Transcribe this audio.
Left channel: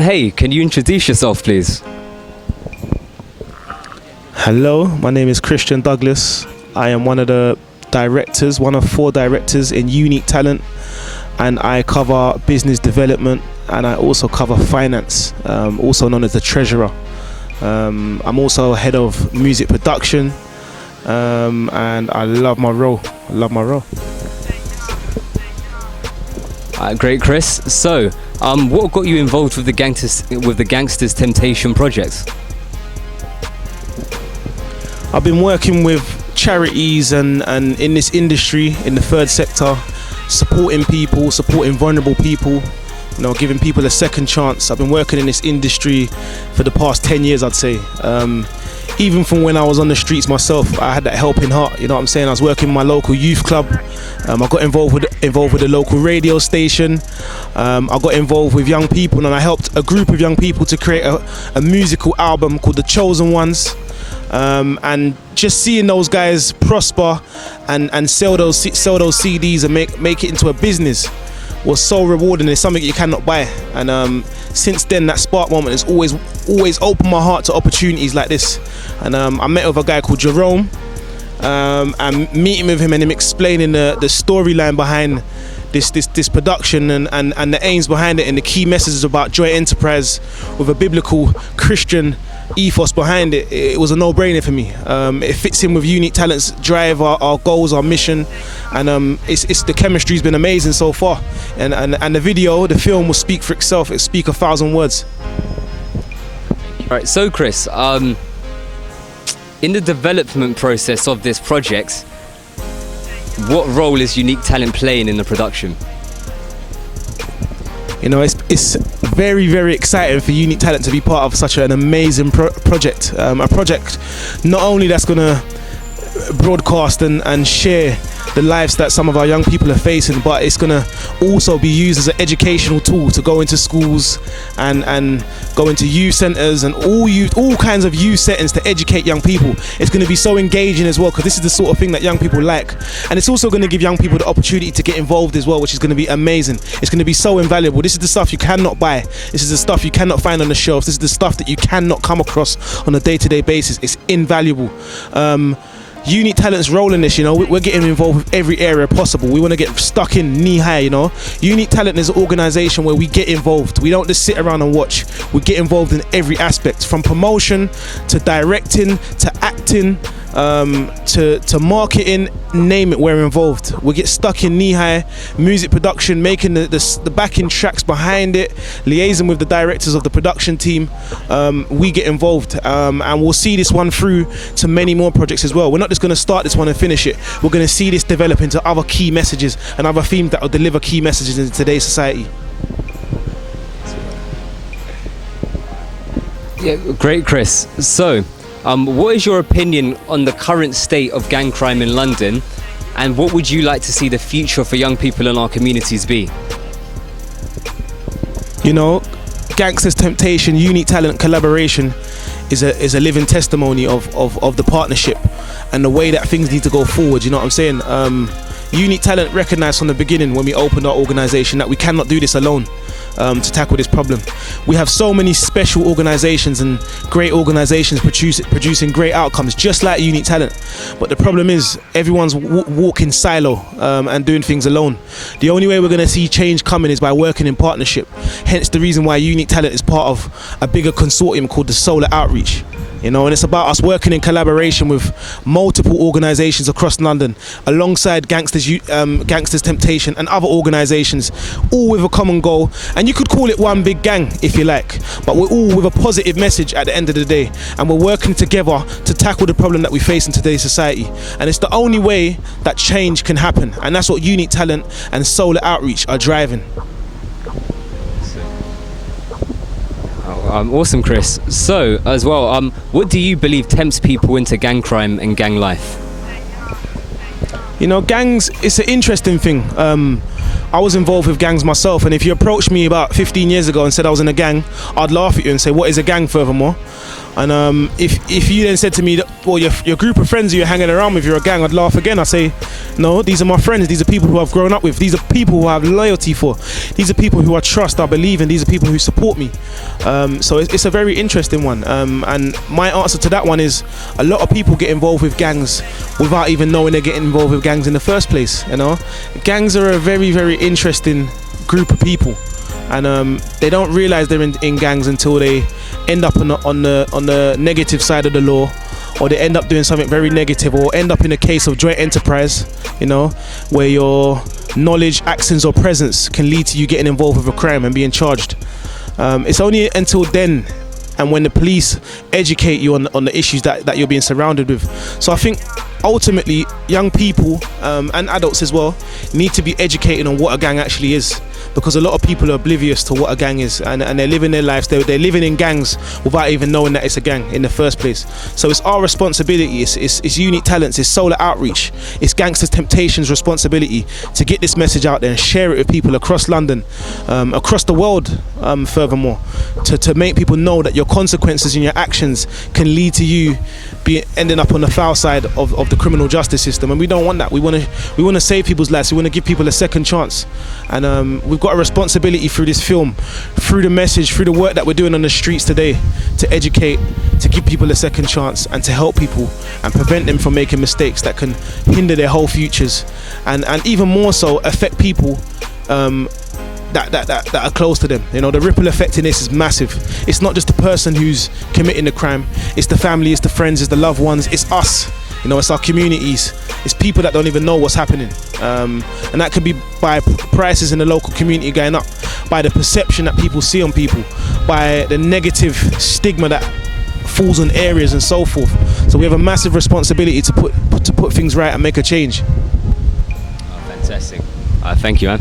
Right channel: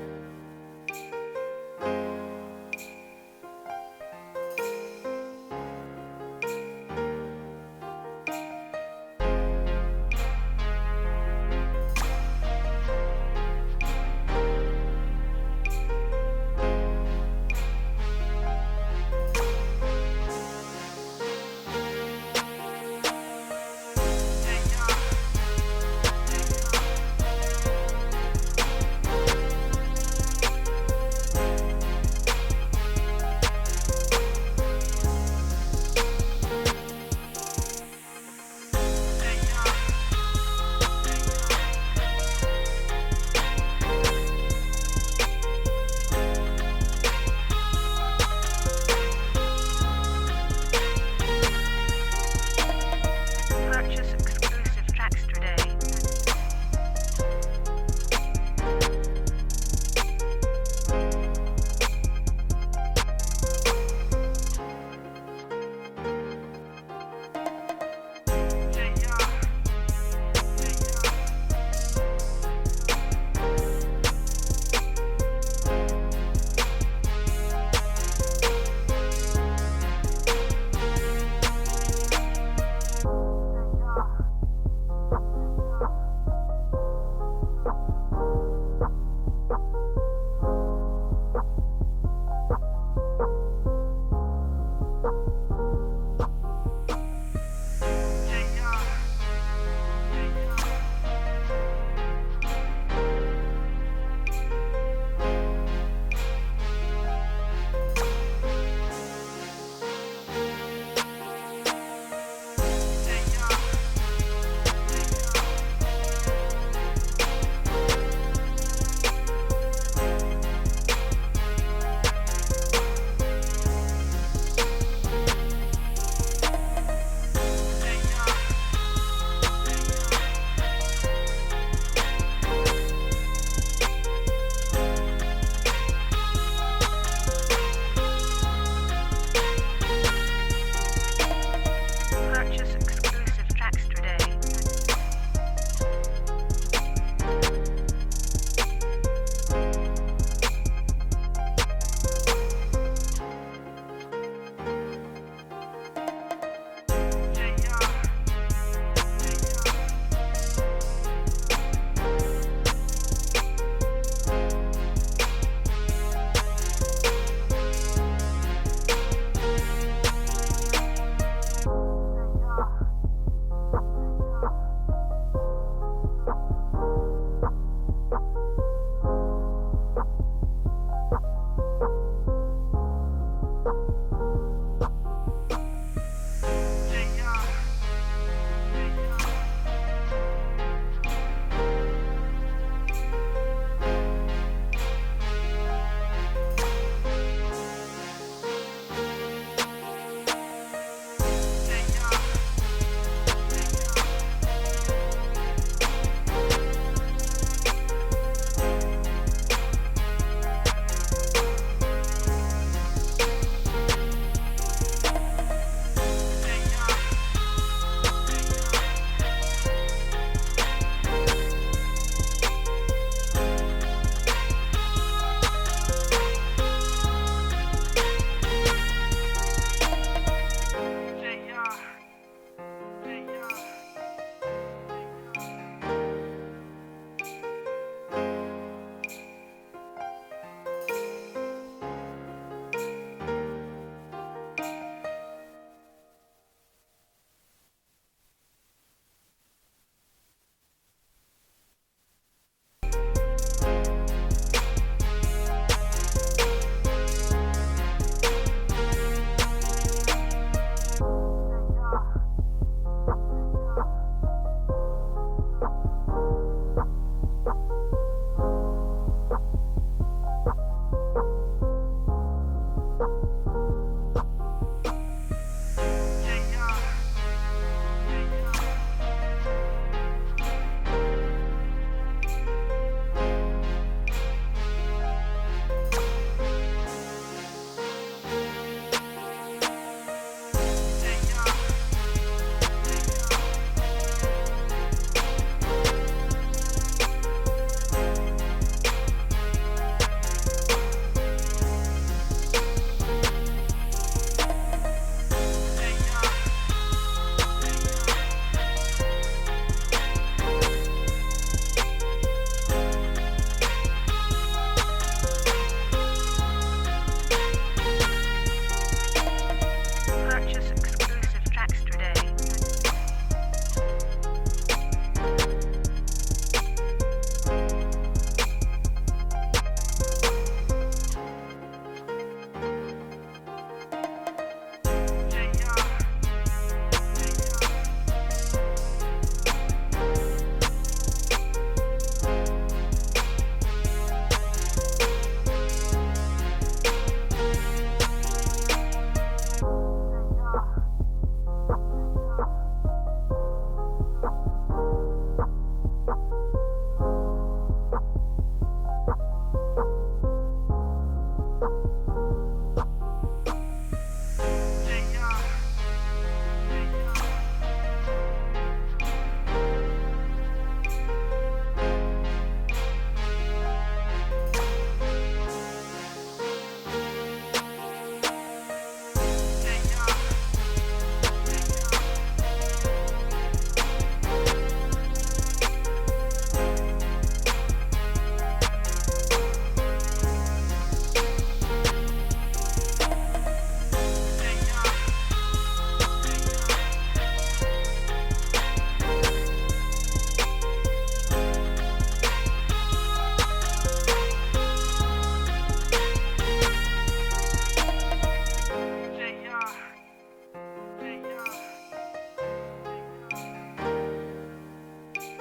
Hey, can you introduce yourself, please? Hello, my name is Christian Douglas. I am one of the directors, one of 4 directors in Unique Talent, and I cover business development and I also cover finance, also known as the treasurer. I'm also head of music production, and I love my role. Great, Chris. So, what got you involved with the Gangsters Temptation project? I've been working with charities and in this industry, in the third sector, supporting people, supporting vulnerable people, giving people a second chance. I've been working in this industry for the past 10 years, I'd say. Even from when I was on the streets myself, I had that helping heart, you know what I'm saying? I was working in my local youth club. I got involved with the local radio station. I got involved with young people, and I helped a group of young people to create a musical album called The Chosen Ones. And just seeing those guys prosper and sell those CDs and make it into a business was so rewarding. It's something you cannot buy. And since then, that spark moment has always opened my heart to opportunities like this. And I met with a guy called Jerome, and meeting with him and him explaining the storyline behind this production and the aims behind it and the key messages about joint enterprise with a biblical Christian ethos behind it. It was a no-brainer for me. It fits in with Unique Talent's drive, our goals, our mission, and it's the chemistry's been amazing so far. And the film will speak for itself. It speak 1,000 words. All right, so Chris, in the development process of this project, what role is Unique Talent playing in the production? It's very, very exciting for Unique Talent to be part of such an amazing project. A project not only that's going to broadcast and share the lives that some of our young people are facing, but it's going to also be used as an educational tool to go into schools and go into youth centres and all kinds of youth settings to educate young people. It's going to be so engaging as well, because this is the sort of thing that young people like, and it's also going to give young people the opportunity to get involved as well, which is going to be amazing. It's going to be so invaluable. This is the stuff you cannot buy. This is the stuff you cannot find on the shelves. This is the stuff that you cannot come across on a day-to-day basis. It's invaluable. Unique Talent's role in this, we're getting involved with every area possible. We want to get stuck in knee high, Unique Talent is an organisation where we get involved. We don't just sit around and watch. We get involved in every aspect, from promotion to directing to acting, to marketing, name it, we're involved. We get stuck in knee high, music production, making the backing tracks behind it, liaising with the directors of the production team. We get involved, and we'll see this one through to many more projects as well. We're not just going to start this one and finish it. We're going to see this develop into other key messages and other themes that will deliver key messages in today's society. Yeah, great, Chris. So, what is your opinion on the current state of gang crime in London, and what would you like to see the future for young people in our communities be? Gangsters Temptation, Unique Talent collaboration is a living testimony of the partnership and the way that things need to go forward. You know what I'm saying? Unique Talent recognised from the beginning when we opened our organisation that we cannot do this alone. To tackle this problem. We have so many special organisations and great organisations producing great outcomes, just like Unique Talent. But the problem is everyone's walking silo and doing things alone. The only way we're going to see change coming is by working in partnership. Hence the reason why Unique Talent is part of a bigger consortium called the Solar Outreach. And it's about us working in collaboration with multiple organisations across London, alongside Gangsters Temptation and other organisations, all with a common goal. And you could call it one big gang if you like, but we're all with a positive message at the end of the day, and we're working together to tackle the problem that we face in today's society. And it's the only way that change can happen, and that's what Unique Talent and Solar Outreach are driving. Awesome, Chris. So, as well, what do you believe tempts people into gang crime and gang life? Gangs, it's an interesting thing. I was involved with gangs myself, and if you approached me about 15 years ago and said I was in a gang, I'd laugh at you and say, what is a gang furthermore? And if you then said to me that, well, your group of friends you're hanging around with, you're a gang, I'd laugh again. I'd say, no, these are my friends. These are people who I've grown up with. These are people who I have loyalty for. These are people who I trust, I believe in. These are people who support me. So it's a very interesting one. And my answer to that one is a lot of people get involved with gangs without even knowing they're getting involved with gangs in the first place. You know, gangs are a very, very interesting group of people, and they don't realize they're in gangs until they end up on the negative side of the law, or they end up doing something very negative, or end up in a case of joint enterprise, you know, where your knowledge, actions or presence can lead to you getting involved with a crime and being charged. It's only until then and when the police educate you on the issues that you're being surrounded with. So I think ultimately young people and adults as well need to be educated on what a gang actually is, because a lot of people are oblivious to what a gang is, and they're living their lives, they're living in gangs without even knowing that it's a gang in the first place. So it's our responsibility, it's Unique Talents, it's Solar Outreach, it's Gangsters Temptation's responsibility to get this message out there and share it with people across London, across the world, furthermore, to make people know that your consequences and your actions can lead to you ending up on the foul side of the criminal justice system, and we don't want that. We want to save people's lives. We want to give people a second chance, and we've got a responsibility through this film, through the message, through the work that we're doing on the streets today, to educate, to give people a second chance, and to help people and prevent them from making mistakes that can hinder their whole futures, and even more so affect people that are close to them. You know, the ripple effect in this is massive. It's not just the person who's committing the crime, it's the family, it's the friends, it's the loved ones, it's us. You know, it's our communities, it's people that don't even know what's happening, and that could be by prices in the local community going up, by the perception that people see on people, by the negative stigma that falls on areas and so forth. So we have a massive responsibility to put things right and make a change. Fantastic. Thank you, man.